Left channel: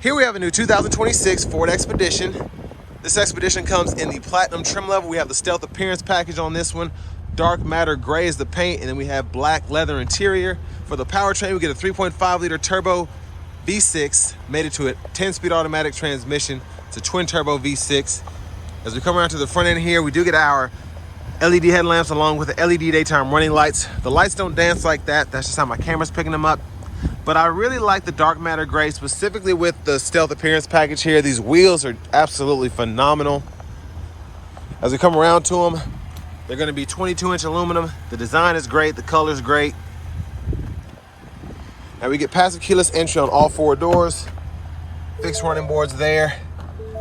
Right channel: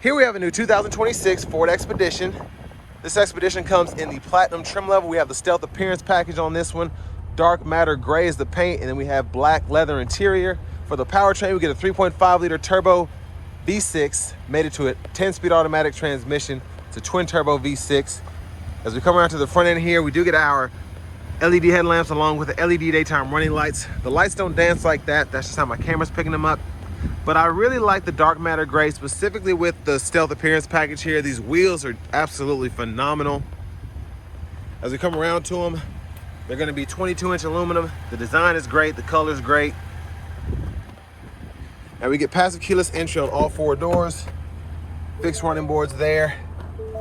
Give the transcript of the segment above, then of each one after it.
Here we have a new 2026 Ford Expedition. This Expedition comes in the platinum trim level. We have the stealth appearance package on this one. Dark matter gray is the paint, and then we have black leather interior. For the powertrain, we get a 3.5 liter turbo V6, made it to a 10-speed automatic transmission. It's a twin turbo V6. As we come around to the front end here, we do get our LED headlamps along with the LED daytime running lights. The lights don't dance like that. That's just how my camera's picking them up. But I really like the dark matter gray, specifically with the stealth appearance package here. These wheels are absolutely phenomenal. As we come around to them, they're gonna be 22-inch aluminum. The design is great, the color is great. Now we get passive keyless entry on all 4 doors. Fixed running boards there.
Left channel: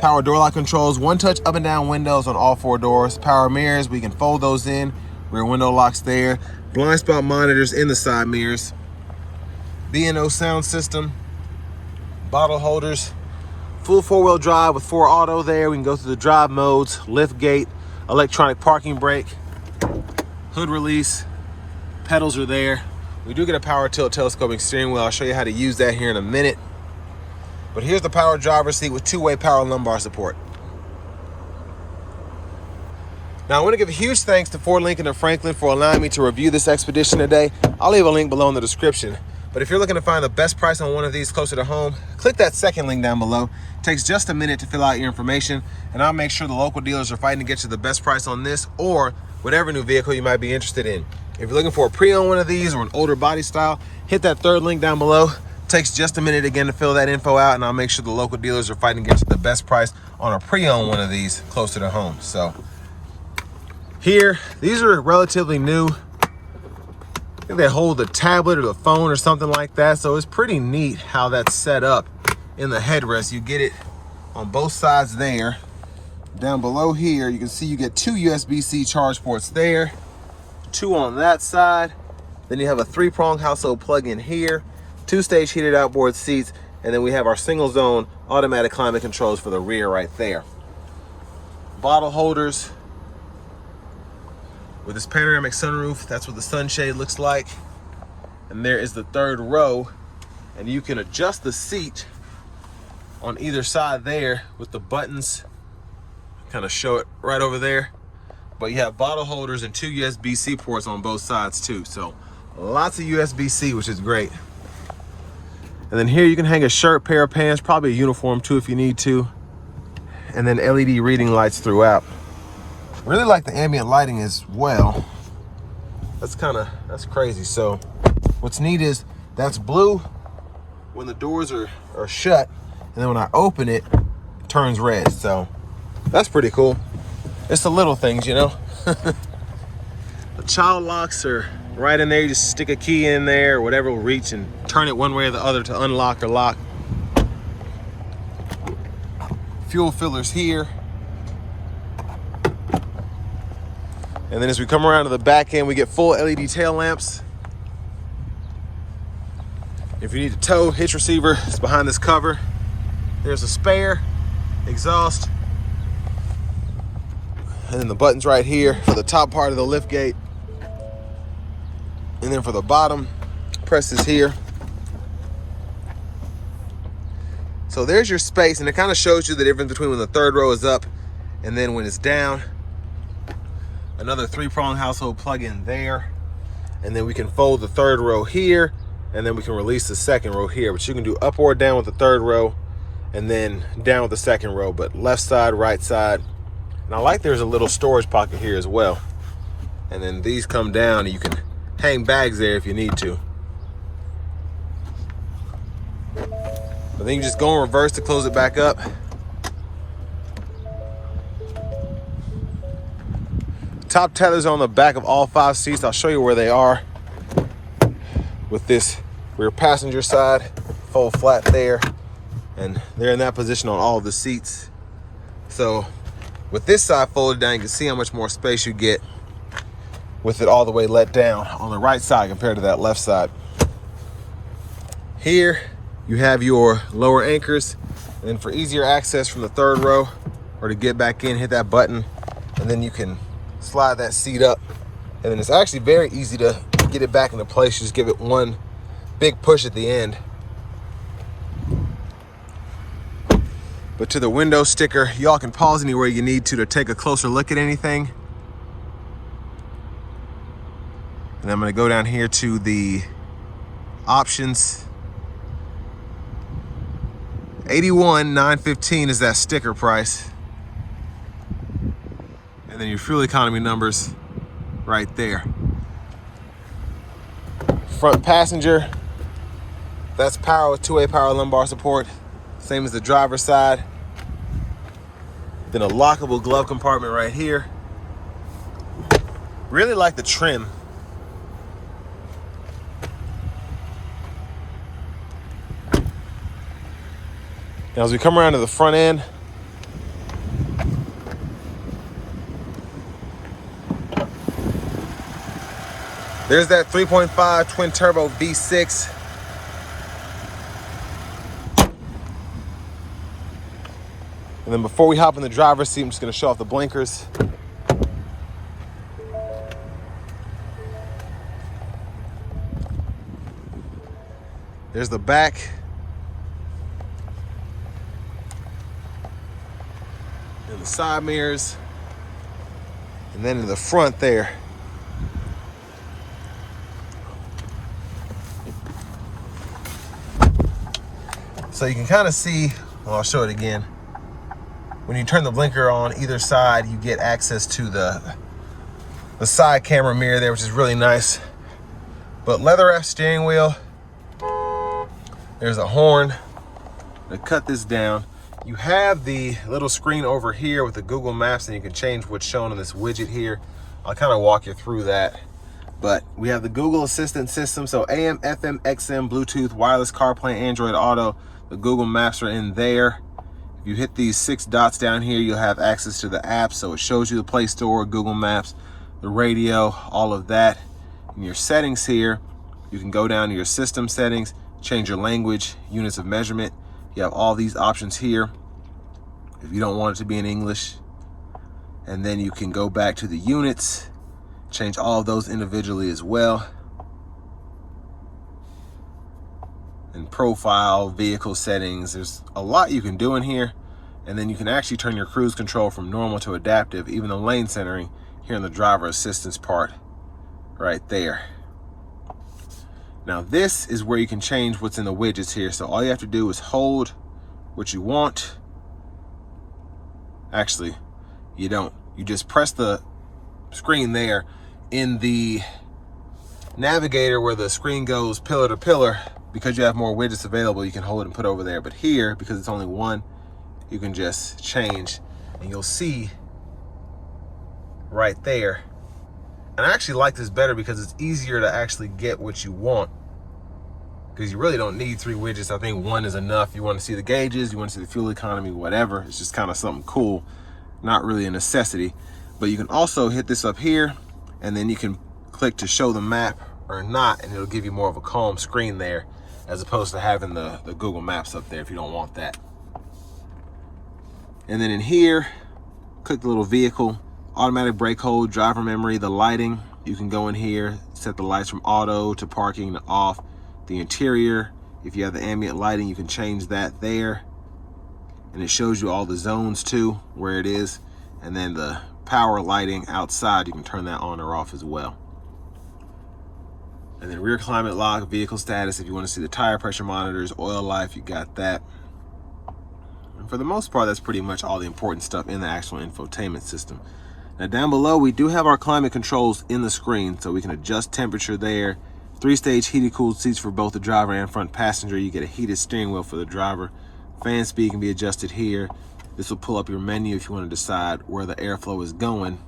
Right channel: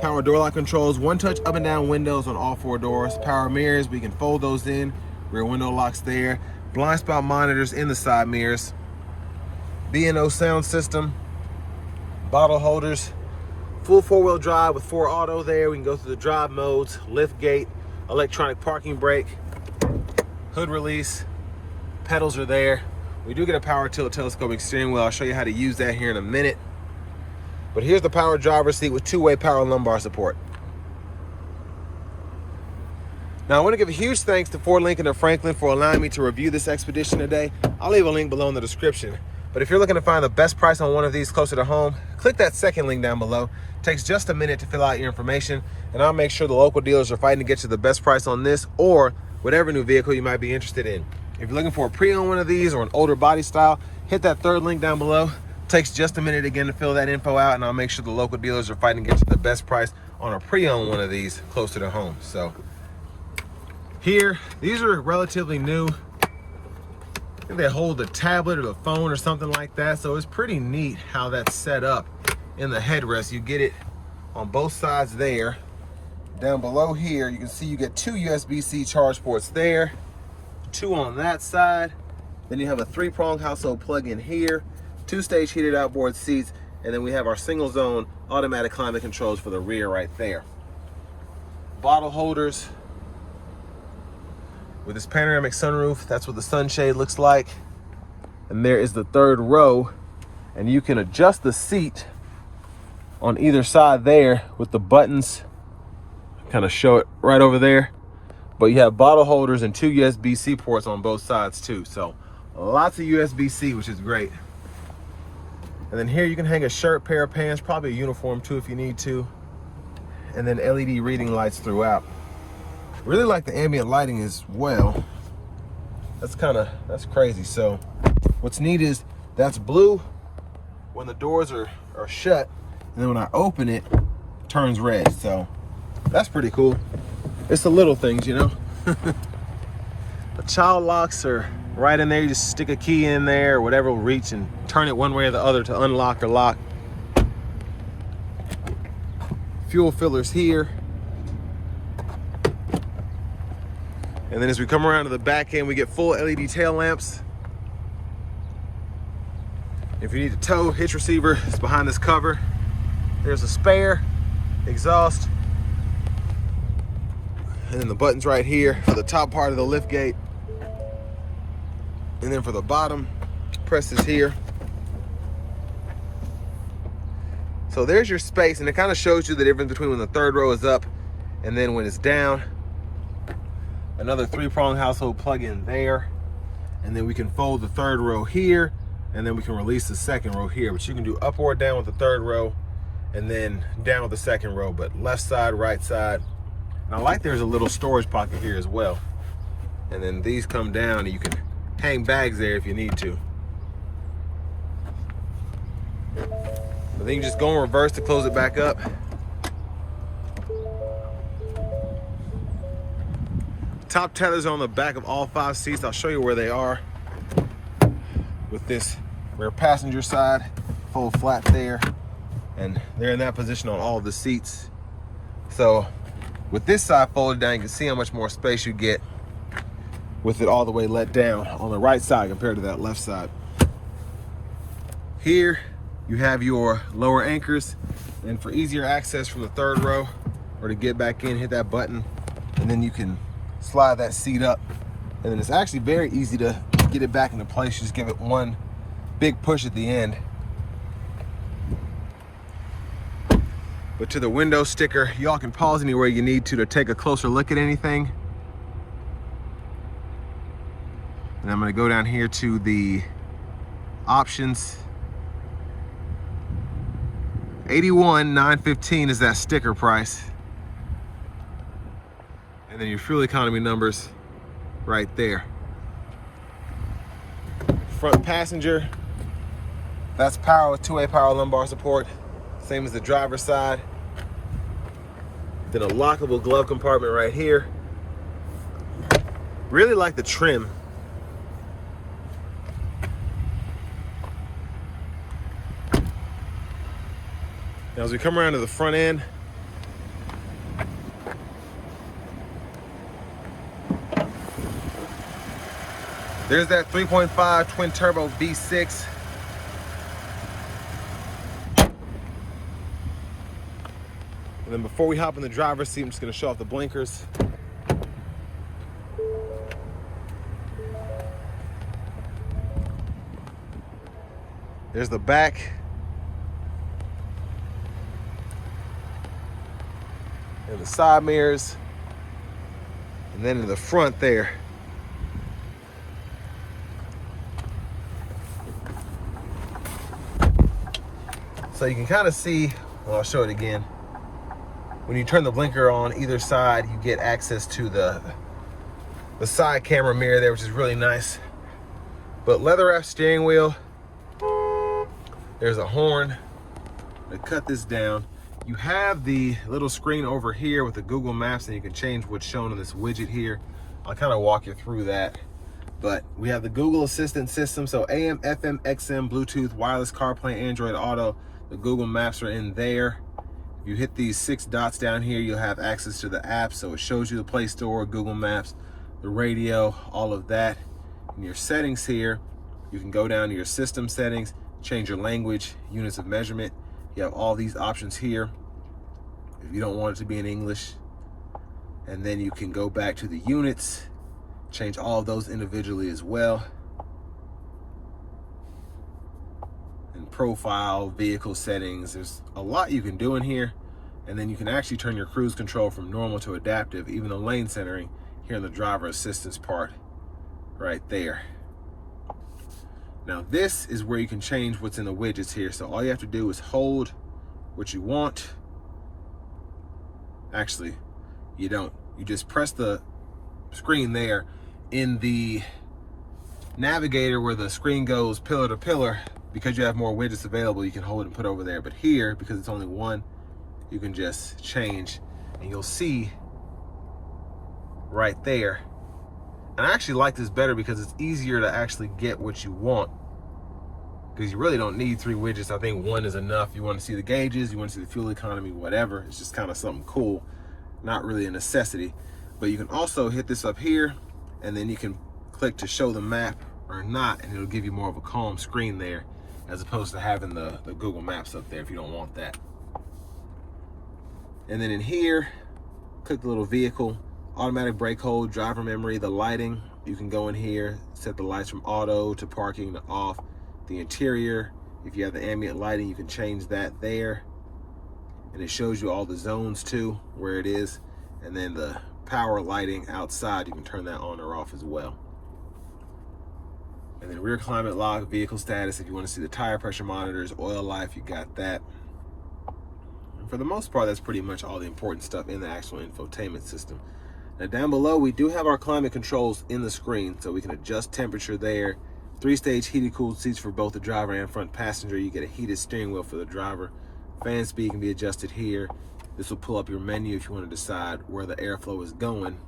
Power door lock controls, one-touch up and down windows on all 4 doors. Power mirrors, we can fold those in. Rear window locks there. Blind spot monitors in the side mirrors. B&O sound system, bottle holders, full 4-wheel drive with 4 auto there. We can go through the drive modes, lift gate, electronic parking brake, hood release, pedals are there. We do get a power tilt telescoping steering wheel. I'll show you how to use that here in a minute. But here's the power driver's seat with 2-way power lumbar support. Now I want to give a huge thanks to Ford Lincoln of Franklin for allowing me to review this Expedition today. I'll leave a link below in the description. But if you're looking to find the best price on one of these closer to home, click that second link down below. It takes just a minute to fill out your information, and I'll make sure the local dealers are fighting to get you the best price on this or whatever new vehicle you might be interested in. If you're looking for a pre-owned one of these or an older body style, hit that third link down below. It takes just a minute again to fill that info out, and I'll make sure the local dealers are fighting to get you the best price on a pre-owned one of these closer to home. So here, these are relatively new. I think they hold the tablet or the phone or something like that. So it's pretty neat how that's set up in the headrest. You get it on both sides there. Down below here, you can see you get 2 USB-C charge ports there, 2 on that side. Then you have a 3-prong household plug-in here, 2-stage heated outboard seats, and then we have our single zone automatic climate controls for the rear right there. Bottle holders. With this panoramic sunroof, that's what the sunshade looks like. And there is the 3rd row. And you can adjust the seat on either side there with the buttons. Kind of show it right over there. But you have bottle holders and 2 USB-C ports on both sides too. So lots of USB-C, which is great. And then here you can hang a shirt, pair of pants, probably a uniform too if you need to. And then LED reading lights throughout. Really like the ambient lighting as well. That's crazy. So what's neat is that's blue when the doors are shut, and then when I open it, it turns red. So that's pretty cool. It's the little things, you know. The child locks are right in there. You just stick a key in there or whatever will reach and turn it one way or the other to unlock or lock. Fuel fillers here. And then as we come around to the back end, we get full LED tail lamps. If you need to tow, hitch receiver, it's behind this cover. There's a spare, exhaust, and then the buttons right here for the top part of the lift gate. And then for the bottom, press this here. So there's your space, and it kind of shows you the difference between when the 3rd row is up and then when it's down. Another 3-prong household plug-in there. And then we can fold the 3rd row here, and then we can release the 2nd row here. But you can do up or down with the 3rd row, and then down with the 2nd row, but left side, right side. And I like there's a little storage pocket here as well. And then these come down, and you can hang bags there if you need to. But then you just go in reverse to close it back up. Top tethers on the back of all 5 seats. I'll show you where they are. With this rear passenger side, fold flat there, and they're in that position on all of the seats. So with this side folded down, you can see how much more space you get with it all the way let down on the right side compared to that left side. Here you have your lower anchors, and then for easier access from the 3rd row or to get back in, hit that button, and then you can slide that seat up, and then it's actually very easy to get it back into place. Just give it one big push at the end. But to the window sticker, y'all can pause anywhere you need to take a closer look at anything. And I'm gonna go down here to the options. $81,915 is that sticker price. And then your fuel economy numbers right there. Front passenger, that's power with two-way power lumbar support. Same as the driver's side. Then a lockable glove compartment right here. Really like the trim. Now as we come around to the front end, there's that 3.5 twin turbo V6. And then before we hop in the driver's seat, I'm just gonna show off the blinkers. There's the back. And the side mirrors. And then in the front there, so you can kind of see, well, I'll show it again. When you turn the blinker on either side, you get access to the side camera mirror there, which is really nice. But leather wrap steering wheel. There's a horn. To cut this down, you have the little screen over here with the Google Maps, and you can change what's shown on this widget here. I'll kind of walk you through that. But we have the Google Assistant system, so AM, FM, XM, Bluetooth, wireless CarPlay, Android Auto. The Google Maps are in there. If you hit these 6 dots down here, you'll have access to the app. So it shows you the Play Store, Google Maps, the radio, all of that. In your settings here, you can go down to your system settings, change your language, units of measurement. You have all these options here if you don't want it to be in English. And then you can go back to the units, change all of those individually as well. And profile, vehicle settings, there's a lot you can do in here. And then you can actually turn your cruise control from normal to adaptive, even the lane centering here in the driver assistance part right there. Now this is where you can change what's in the widgets here. So all you have to do is hold what you want. Actually, you don't. You just press the screen there. In the navigator where the screen goes pillar to pillar, because you have more widgets available, you can hold it and put over there. But here, because it's only one, you can just change, and you'll see right there. And I actually like this better because it's easier to actually get what you want, because you really don't need 3 widgets. I think 1 is enough. You want to see the gauges, you want to see the fuel economy, whatever. It's just kind of something cool, not really a necessity. But you can also hit this up here, and then you can click to show the map or not, and it'll give you more of a calm screen there, as opposed to having the Google Maps up there if you don't want that. And then in here, click the little vehicle, automatic brake hold, driver memory, the lighting. You can go in here, set the lights from auto to parking to off. The interior, if you have the ambient lighting, you can change that there. And it shows you all the zones too, where it is. And then the power lighting outside, you can turn that on or off as well. And then rear climate lock, vehicle status, if you want to see the tire pressure monitors, oil life, you got that. And for the most part, that's pretty much all the important stuff in the actual infotainment system. Now down below, we do have our climate controls in the screen, so we can adjust temperature there. 3-stage heated cooled seats for both the driver and front passenger. You get a heated steering wheel for the driver. Fan speed can be adjusted here. This will pull up your menu if you want to decide where the airflow is going.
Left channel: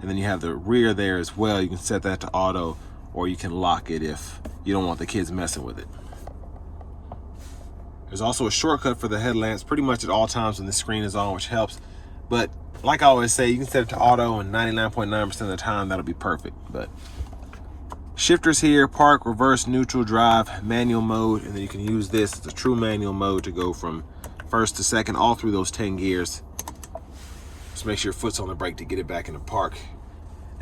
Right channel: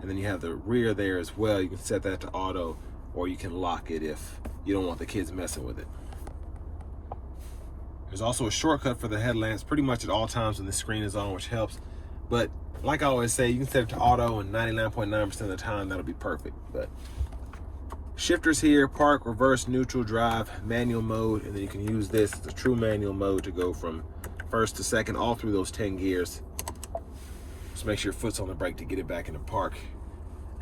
And then you have the rear there as well. You can set that to auto, or you can lock it if you don't want the kids messing with it. There's also a shortcut for the headlamps pretty much at all times when the screen is on, which helps. But like I always say, you can set it to auto, and 99.9% of the time that'll be perfect. But shifters here, park, reverse, neutral, drive, manual mode, and then you can use this as a true manual mode to go from first to second, all through those 10 gears. Just make sure your foot's on the brake to get it back into park.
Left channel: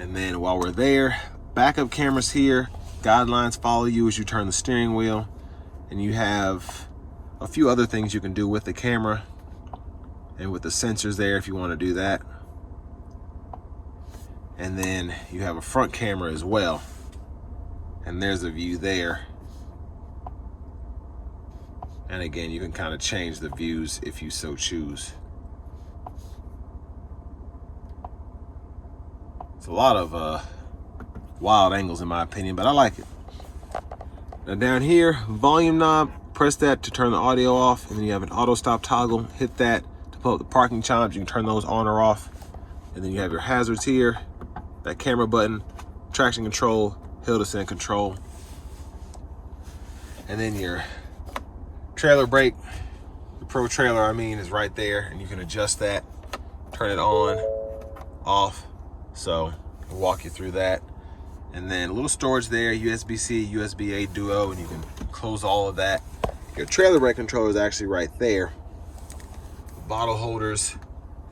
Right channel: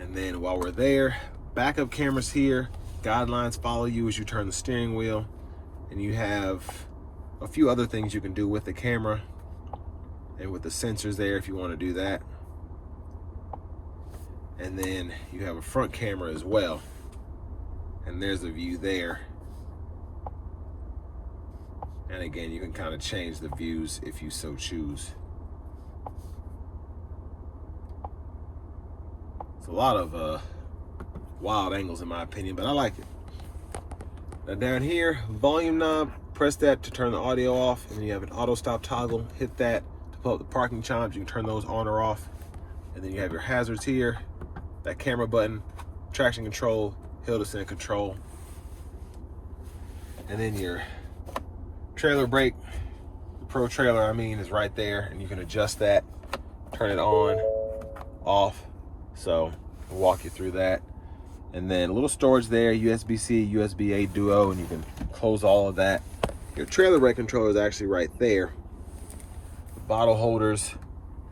And then while we're there, backup cameras here, guidelines follow you as you turn the steering wheel, and you have a few other things you can do with the camera. and with the sensors there if you want to do that. And then you have a front camera as well. And there's a view there. And again, you can kind of change the views if you so choose. It's a lot of wild angles in my opinion, but I like it. Now down here, volume knob, press that to turn the audio off, and then you have an auto stop toggle. Hit that to pull up the parking chimes. You can turn those on or off. And then you have your hazards here, that camera button, traction control, hill descent control. And then your trailer brake, the Pro trailer I mean, is right there, and you can adjust that, turn it on, off. So we'll walk you through that. And then a little storage there, USB-C, USB-A duo, and you can close all of that. Your trailer brake controller is actually right there. Bottle holders,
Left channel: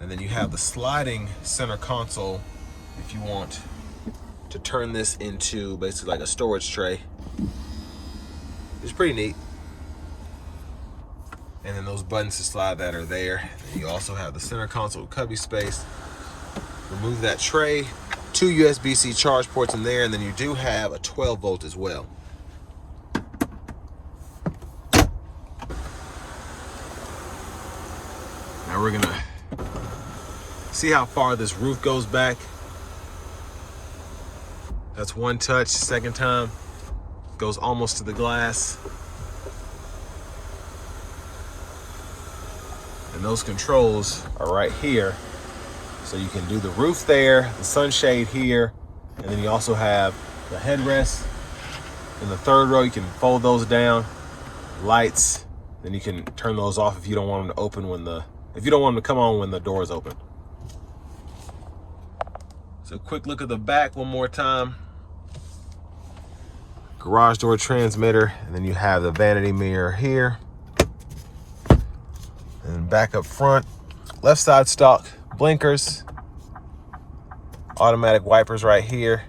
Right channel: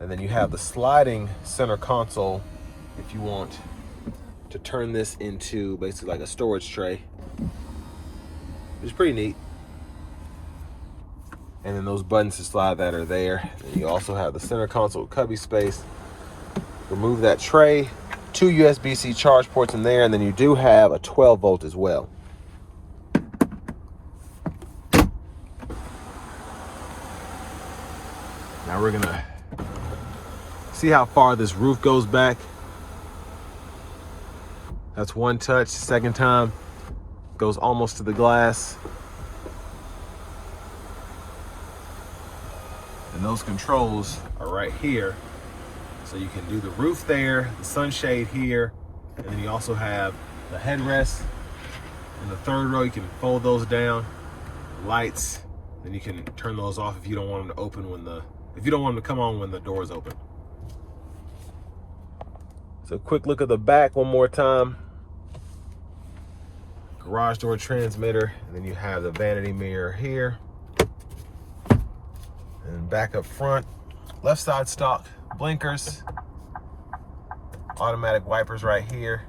and then you have the sliding center console if you want to turn this into basically like a storage tray. It's pretty neat. And then those buttons to slide that are there. And you also have the center console cubby space. Remove that tray, 2 USB-C charge ports in there, and then you do have a 12 volt as well. Now we're gonna see how far this roof goes back. That's one touch. Second time, goes almost to the glass. And those controls are right here. So you can do the roof there, the sunshade here, and then you also have the headrest. In the third row, you can fold those down. Lights, then you can turn those off if you don't want them to open if you don't want them to come on when the door is open. So quick look at the back one more time. Garage door transmitter, and then you have the vanity mirror here. And back up front, left side stock, blinkers, automatic wipers right here,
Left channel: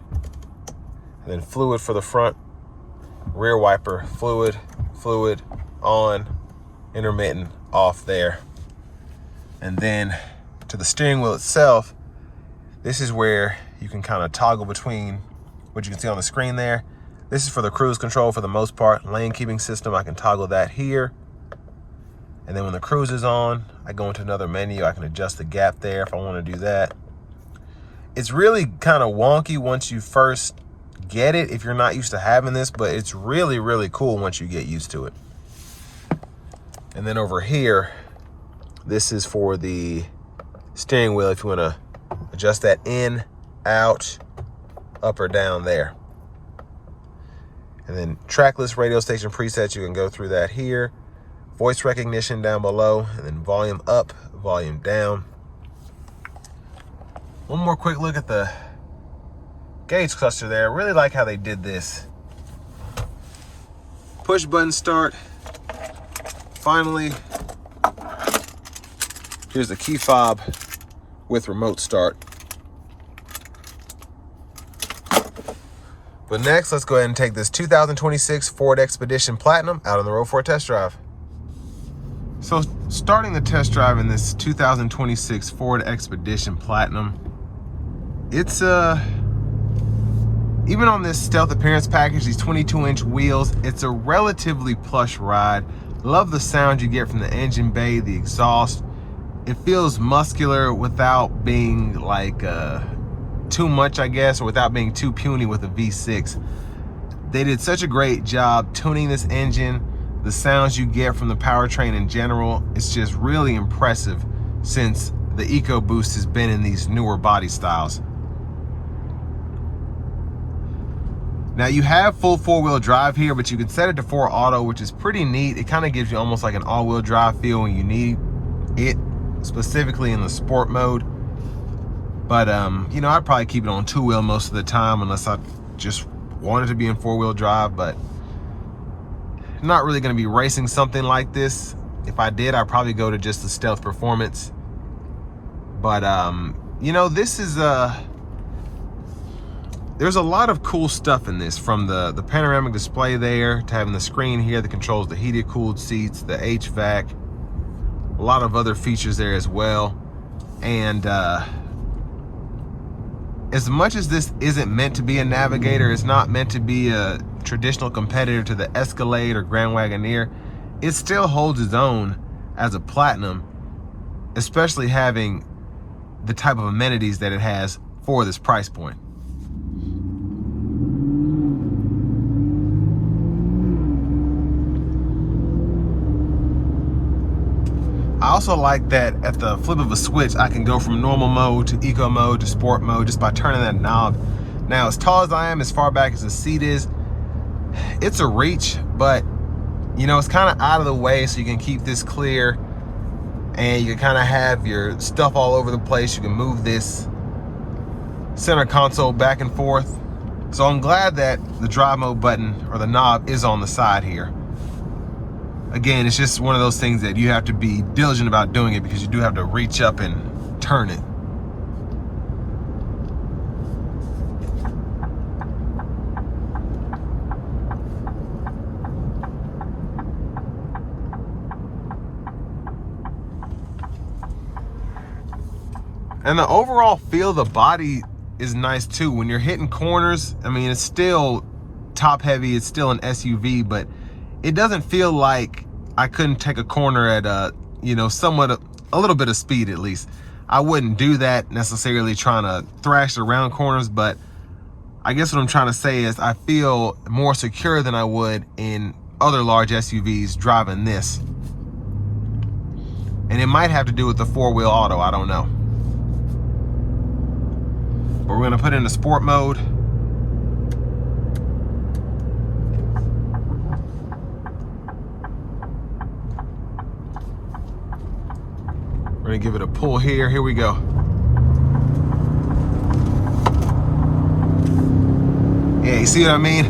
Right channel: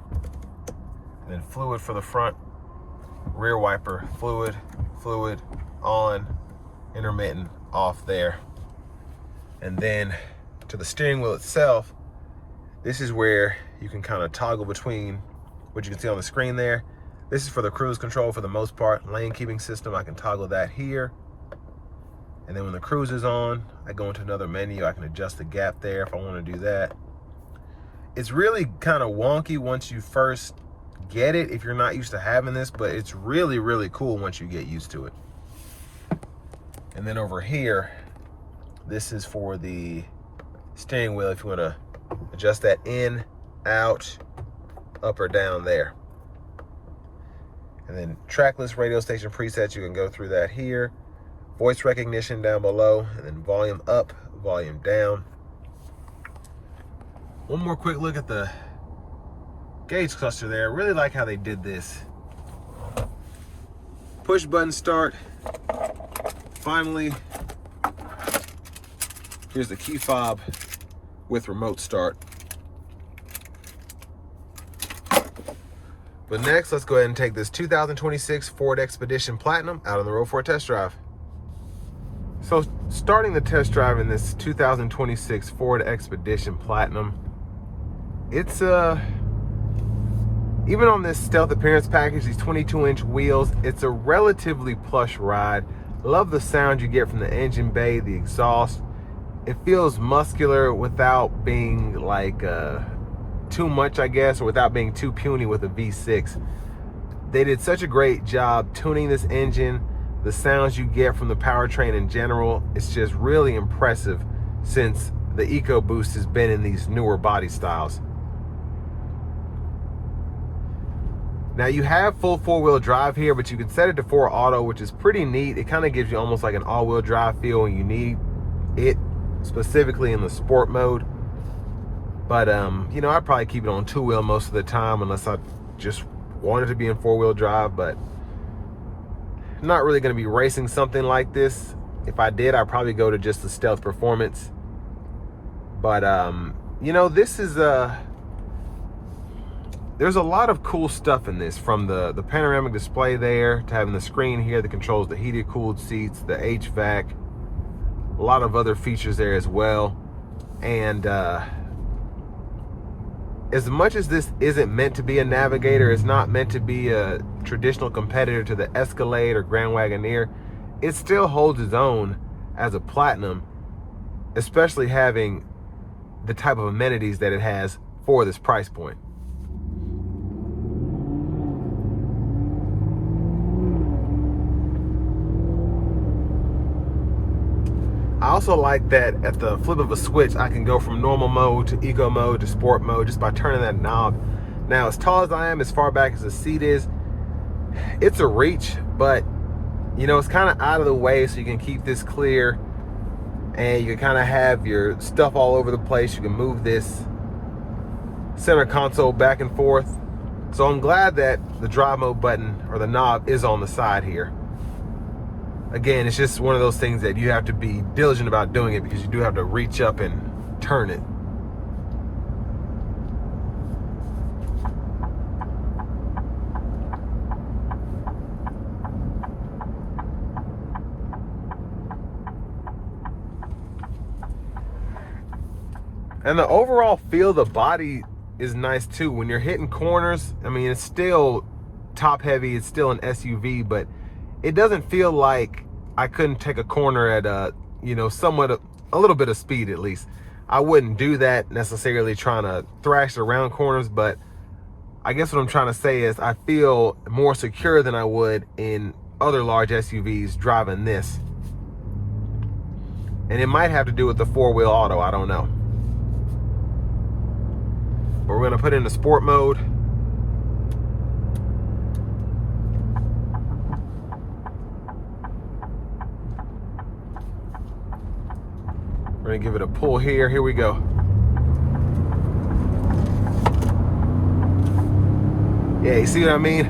and then fluid for the front, rear wiper, fluid on, intermittent off there. And then to the steering wheel itself, this is where you can kind of toggle between what you can see on the screen there. This is for the cruise control for the most part. Lane keeping system, I can toggle that here. And then when the cruise is on, I go into another menu. I can adjust the gap there if I want to do that. It's really kind of wonky once you first get it, if you're not used to having this, but it's really, really cool once you get used to it. And then over here, this is for the steering wheel if you want to adjust that in, out, up or down there. And then tracklist radio station presets, you can go through that here. Voice recognition down below, and then volume up, volume down. One more quick look at the gauge cluster there. I really like how they did this. Push button start. Finally, here's the key fob with remote start. But next, let's go ahead and take this 2026 Ford Expedition Platinum out on the road for a test drive. So starting the test drive in this 2026 Ford Expedition Platinum, it's even on this stealth appearance package, these 22-inch wheels, it's a relatively plush ride. Love the sound you get from the engine bay, the exhaust. It feels muscular without being like too much, I guess, or without being too puny with a V6. They did such a great job tuning this engine. The sounds you get from the powertrain in general, it's just really impressive since the EcoBoost has been in these newer body styles. Now you have full 4-wheel drive here, but you can set it to 4 auto, which is pretty neat. It kind of gives you almost like an all-wheel drive feel when you need it, specifically in the sport mode. But you know, I'd probably keep it on 2-wheel most of the time unless I just wanted to be in 4-wheel drive, but not really going to be racing something like this. If I did, I'd probably go to just the Stealth Performance. But you know, this is there's a lot of cool stuff in this, from the panoramic display there to having the screen here that controls the heated cooled seats, the HVAC, a lot of other features there as well. And as much as this isn't meant to be a Navigator, it's not meant to be a traditional competitor to the Escalade or Grand Wagoneer, it still holds its own as a Platinum, especially having the type of amenities that it has for this price point. I also like that at the flip of a switch, I can go from normal mode to eco mode to sport mode just by turning that knob. Now, as tall as I am, as far back as the seat is, it's a reach, but you know, it's kind of out of the way, so you can keep this clear and you can kind of have your stuff all over the place. You can move this center console back and forth. So I'm glad that the drive mode button or the knob is on the side here. Again, it's just one of those things that you have to be diligent about doing it, because you do have to reach up and turn it. And the overall feel of the body is nice too. When you're hitting corners, I mean, it's still top heavy, it's still an SUV, but it doesn't feel like I couldn't take a corner at you know, somewhat a little bit of speed at least. I wouldn't do that necessarily trying to thrash around corners, but I guess what I'm trying to say is I feel more secure than I would in other large SUVs driving this. And it might have to do with the four-wheel auto, I don't know. But we're gonna put it into sport mode. We're gonna give it a pull here. Here we go. Yeah, you see what I mean?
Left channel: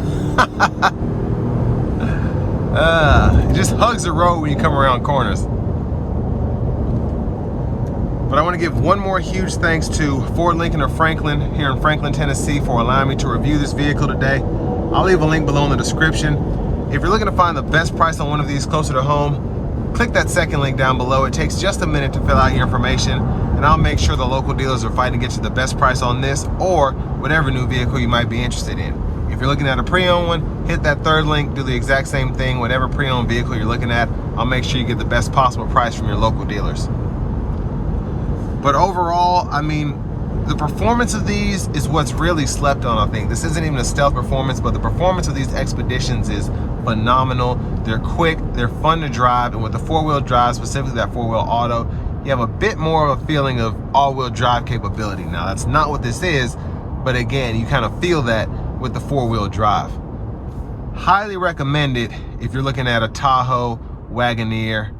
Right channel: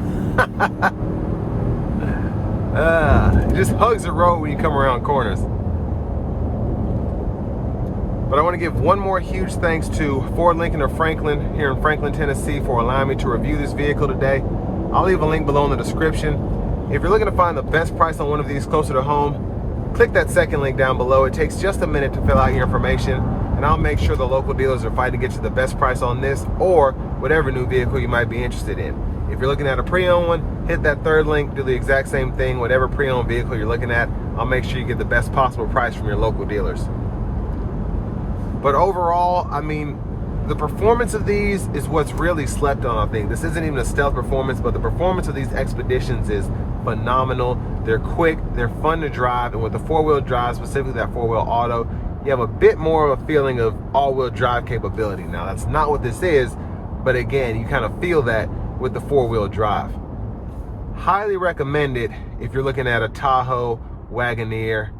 It just hugs the road when you come around corners. But I want to give one more huge thanks to Ford, Lincoln of Franklin here in Franklin, Tennessee, for allowing me to review this vehicle today. I'll leave a link below in the description. If you're looking to find the best price on one of these closer to home, click that second link down below. It takes just a minute to fill out your information, and I'll make sure the local dealers are fighting to get you the best price on this or whatever new vehicle you might be interested in. If you're looking at a pre-owned one, hit that third link, do the exact same thing. Whatever pre-owned vehicle you're looking at, I'll make sure you get the best possible price from your local dealers. But overall, I mean, the performance of these is what's really slept on, I think. This isn't even a stealth performance, but the performance of these Expeditions is phenomenal. They're quick, they're fun to drive, and with the four-wheel drive, specifically that four-wheel auto, you have a bit more of a feeling of all-wheel drive capability. Now, that's not what this is, but again, you kind of feel that with the four-wheel drive. Highly recommend it if you're looking at a Tahoe, Wagoneer,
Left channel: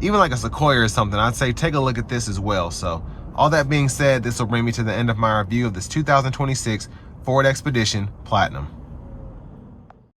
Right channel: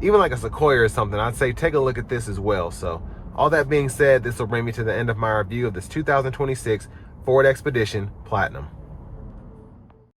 even like a Sequoia or something. I'd say take a look at this as well. So all that being said, this will bring me to the end of my review of this 2026 Ford Expedition Platinum.